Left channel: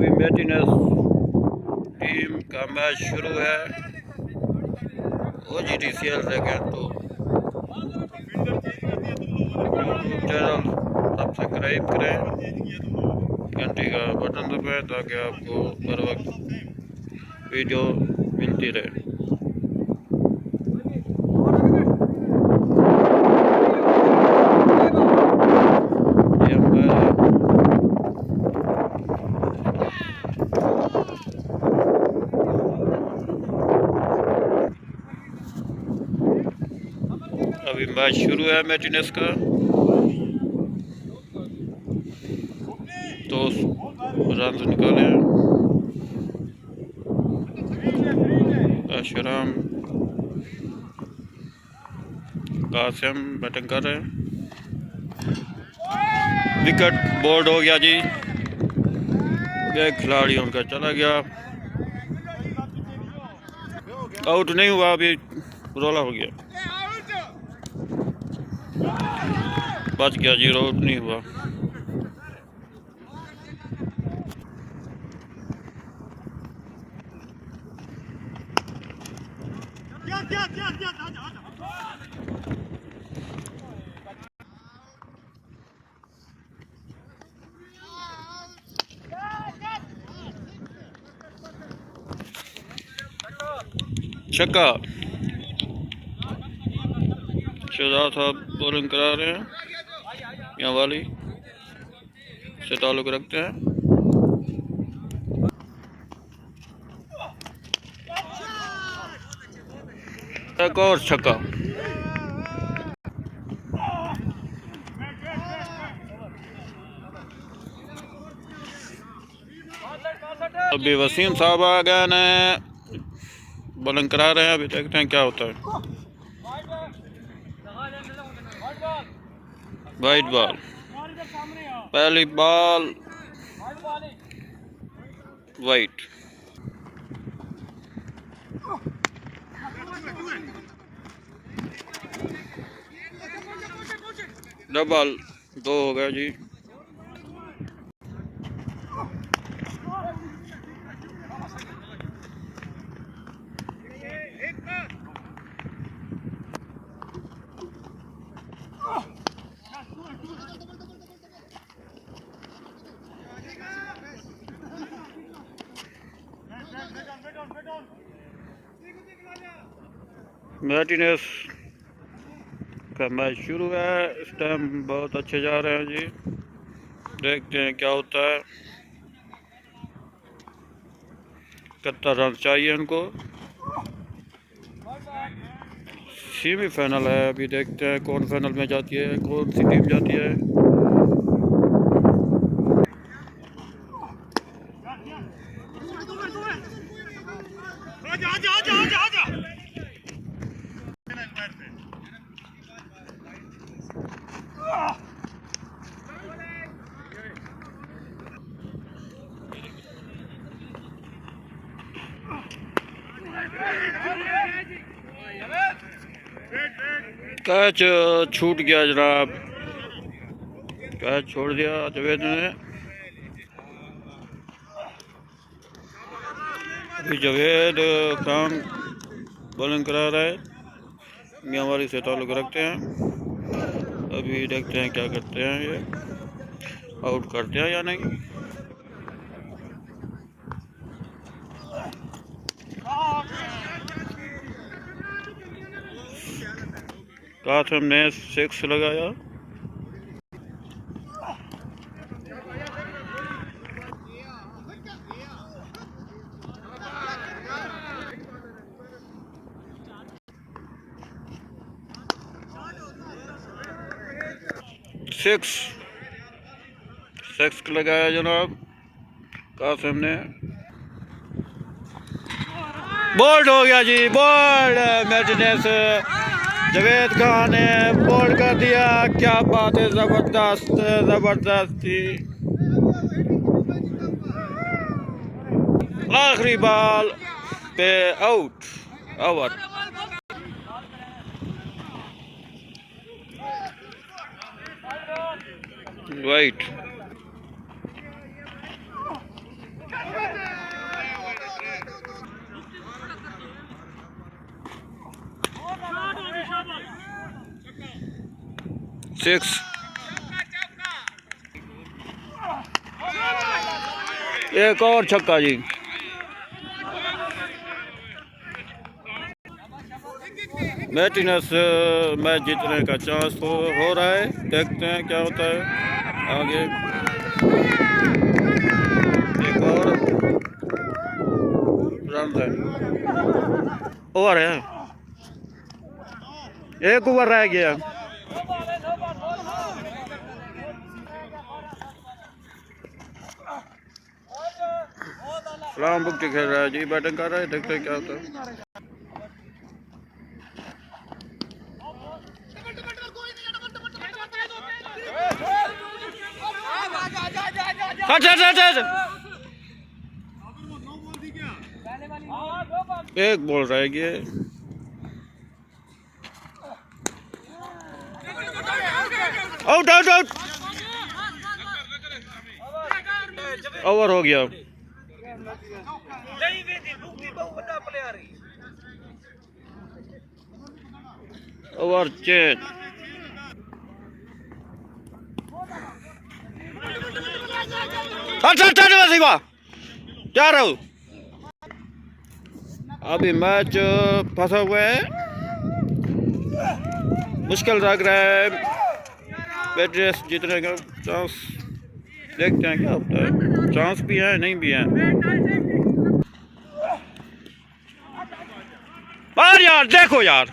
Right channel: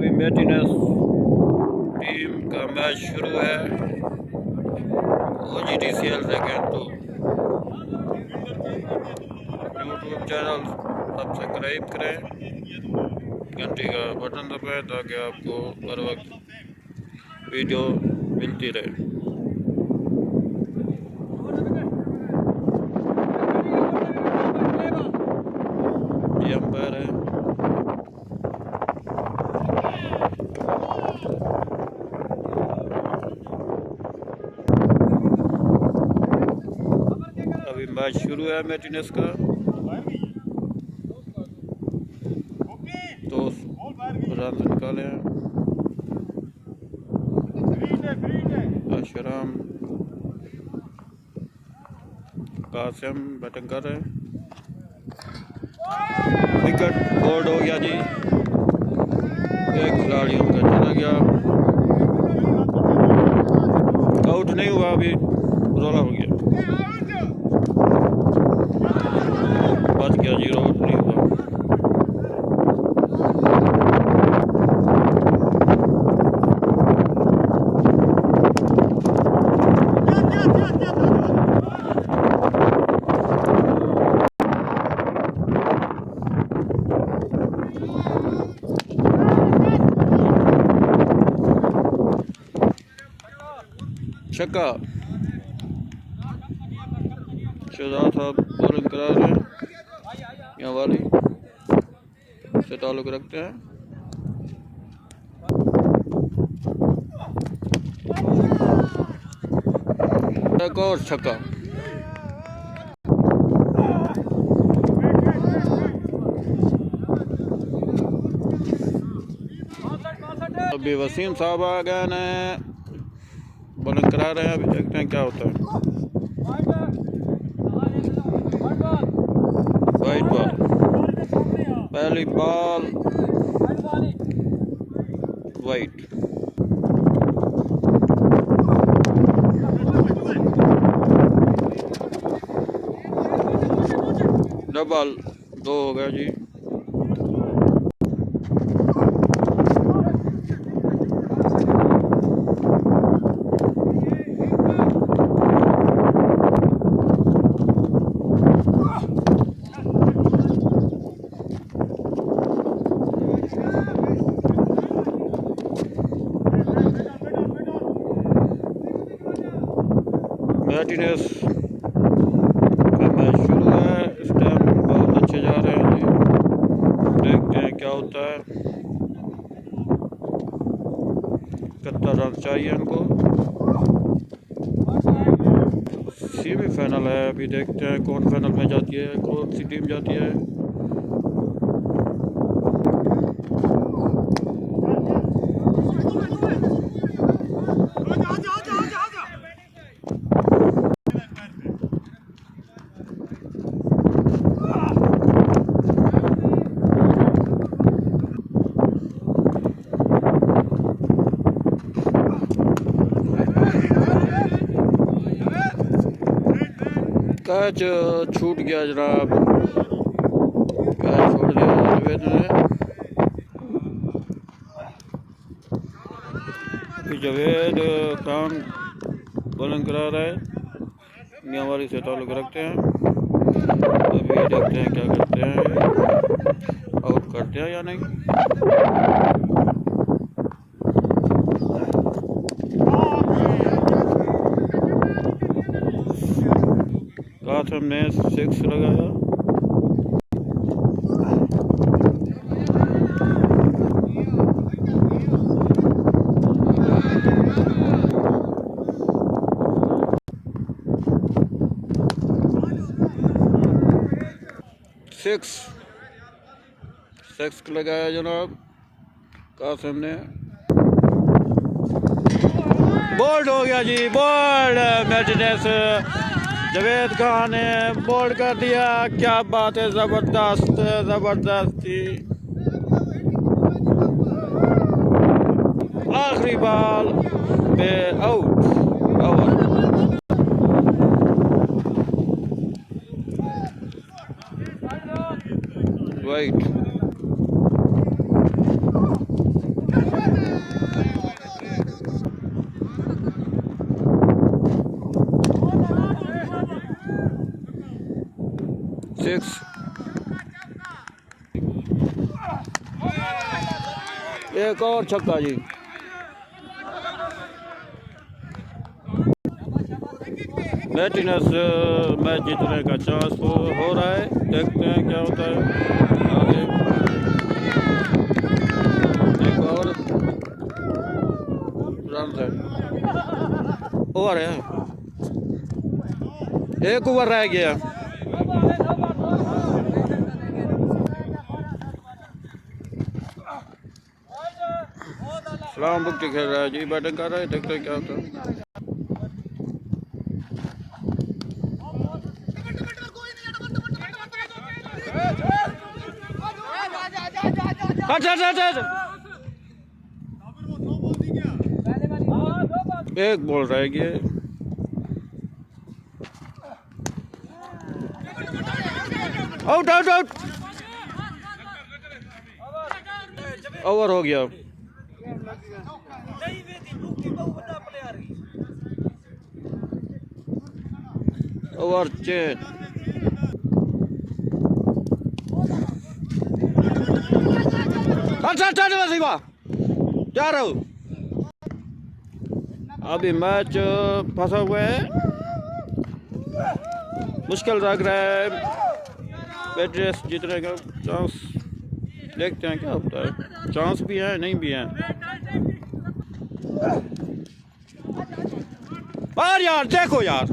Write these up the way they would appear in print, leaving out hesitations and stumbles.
अभी मैटिनस टीम का मैच शुरू है। OGDCL CRICKET तो यूट्यूब चैनल सब्सक्राइब करें, घंटी का बटन दबाएं ताकि आपको हर वक्त वीडियो मिलती रहे। ये अंपायर है। अभी मैच शुरू है मैटिनस का, तो रन निकाले हैं। अशराम कासिम बैटिंग कर रहे हैं। विकेट बोर्ड हो गया जी, एक खिलाड़ी उनका चला गया, आउट नहीं हुआ, अभी रोला हो गया, बच गया जी, आउट नहीं हुआ। छक्का, शहजाद साहब बॉलिंग करा रहे हैं, यहाँ वाली से ताल्लुक रखते हैं। एक और छक्का, अभी वसीम साहब आ गए ने बॉलिंग करा रहे हैं। अभी देखते हैं क्या होता है। वाइट बॉल, पहली बॉल वाइट। डबल 2 हो गया जी। मैटिनस का मैच शुरू है। इस टाइम बहुत अच्छे जा रहे हैं जी, देखते हैं क्या होता है। 71 रन चाहिए उनको। सेमीफाइनल है, अभी देखते हैं कौन फाइनल में जाती है, कौन सी टीम जाती है। कैच छूट गया जनाब, कैच छोड़ दिया जवेद ने। अभी जवेद खान बॉलिंग करा रहा है, मियांवाली से ताल्लुक रखते हैं। अभी देखते हैं क्या करते हैं, ये आउट करते हैं या नहीं। कासिम ने 6 लगाया। सिक्स लगाया जनाब कासिम ने। बोल्ड हो गया जी, बोल्ड। मैटिनस जवेद खान ने बोल्ड कर दिया, क्या बात है, जबरदस्त जबरदस्ती। आखिरी बॉल पे आउट, ओवर। वाइट। 6। एक और छक्का जी। मैटिनस मैच जीतने का चांस हो रहा है। देखते हैं क्या होता है आगे। एक और रन है, ओवर है, एक ओवर रह गया। सलाम बुक्ति खेल रहा है जी, बैटिंग कर रहा है। देखते हैं क्या होता है। एक बॉल रह गया। आउट आउट आउट, ओवर हो गया। Over change. जा रहा हूँ। अभी मैच फंसा हुआ है, मुश्किल लग रहा है। मैच जीतने का चांस, देखते हैं क्या होता है। चांस भी है, नहीं भी है। और यार देखो यार,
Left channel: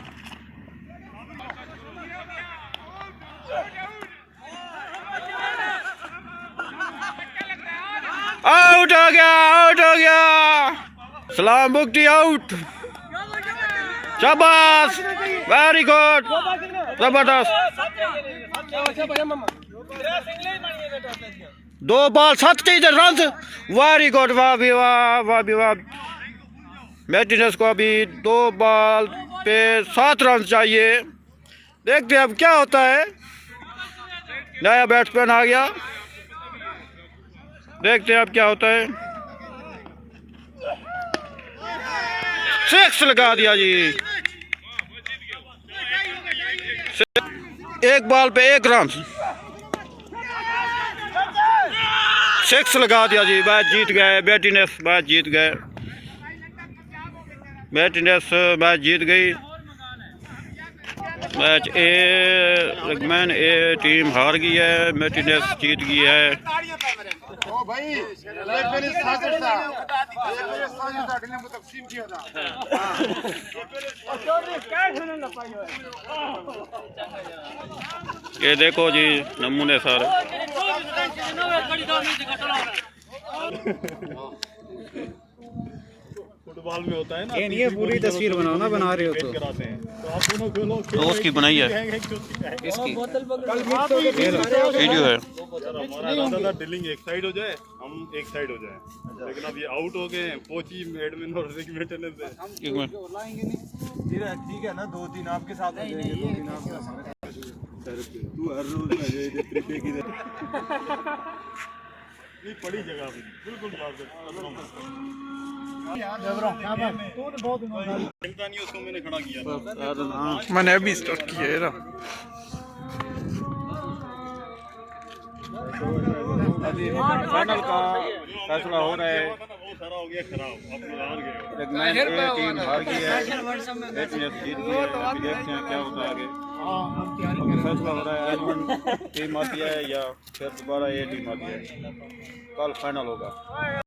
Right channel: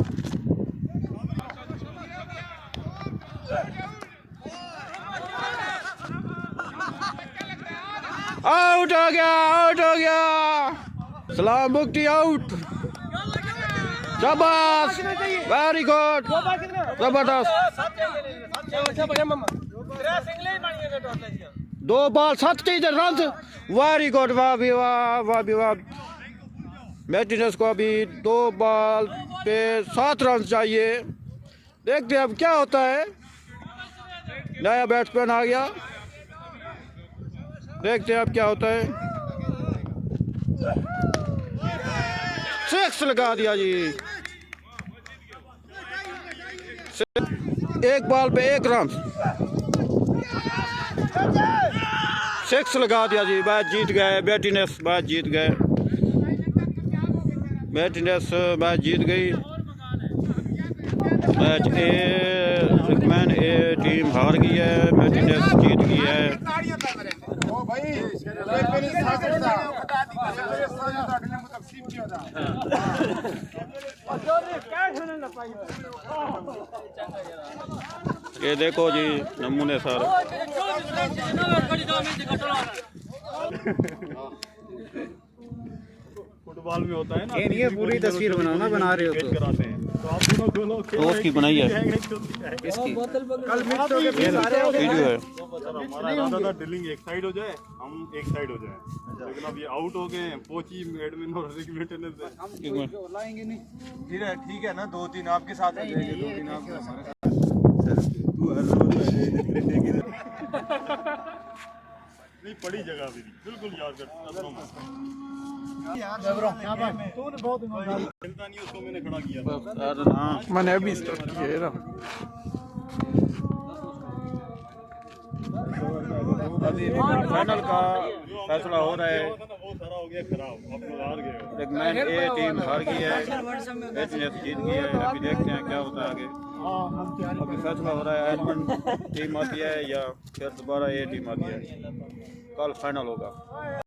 आउट हो गया, आउट हो गया। सलाम बुक्ति आउट। शाबाश, वेरी गुड, जबरदस्त। 2 बॉल 7 रन, वेरी गुड। वाह भी वाह, वाह भी वाह। मैटिनस को अभी 2 बॉल पे 7 रन चाहिए। देखते हैं अब क्या होता है। नया बैट्समैन आ गया, देखते हैं अब क्या होता है। 6 लगा दिया जी। 1 बॉल पे 1 रन, 6 लगा दिया जी। मैच जीत गए, मैटिनस मैच जीत गए। मैटिनस मैच जीत गई। मैच रिकमैन ए टीम हार गई है, मैटिनस जीत गई है। ये देखो जी नमूने सारे। फुटबॉल में होता है ना, ये नहीं है पूरी तस्वीर बनाओ ना, बना रहे हो तो आप दोनों खोलो। तो उसकी बनाई है, इसकी कल मिक्स हो गए वीडियो है। हमारा इरादा था डीलिंग एक साइड हो जाए, हम एक साइड हो जाए, लेकिन अब ये आउट हो गए। पोची एडमिन और मेंटेनेंस से एक मिनट, ठीक है ना, 2-3 आपके साथ हो जाएंगे, 2-3 आप हमारे साथ। तू हर रोज नहीं पड़ी जगह बिल्कुल याद कर। उसको मैंने खड़ा किया, मैंने अभी स्टार्ट किया है ना। अभी फाइनल का फैसला हो रहा है। हो गया खराब, आप लोग हार गए। रिकमैन ए टीम हार गई है, मैटिनस जीत गई है। अभी देखते हैं क्या होता है आगे। अभी फैसला हो रहा है, एडमंड टीम आती है या फिर दोबारा ए टीम आती है। कल फाइनल होगा।